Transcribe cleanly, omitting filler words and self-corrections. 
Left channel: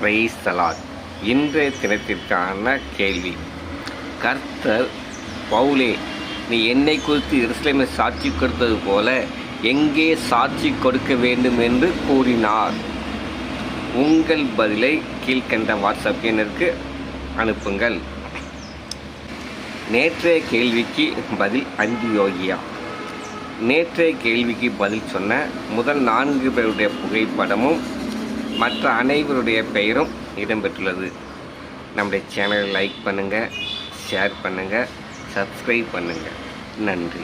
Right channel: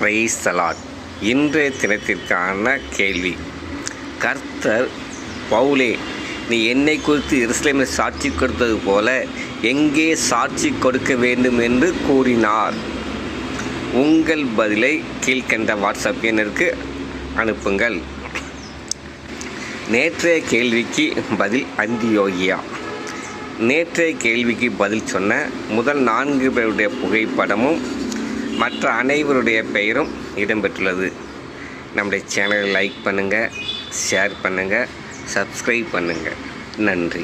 Praise the Lord. இன்றைய தினத்திற்கான கேள்வி. கர்த்தர் பவுலே, நீ என்னை குறித்து எருசலேமில் சாட்சி கொடுத்தது போல எங்கே சாட்சி கொடுக்க வேண்டும் என்று கூறினார். உங்கள் பதிலை கீழ்கண்ட வாட்ஸ்அப் எண்ணிற்கு அனுப்புங்கள். நேற்றைய கேள்விக்கு பதில் அந்தியோகியா. நேற்றைய கேள்விக்கு பதில் சொன்ன முதல் 4 பேருடைய புகைப்படமும் மற்ற அனைவருடைய பெயரும் இடம்பெற்றுள்ளது. நம்முடைய சேனலை லைக் பண்ணுங்கள், ஷேர் பண்ணுங்கள், சப்ஸ்கிரைப் பண்ணுங்கள். நன்றி.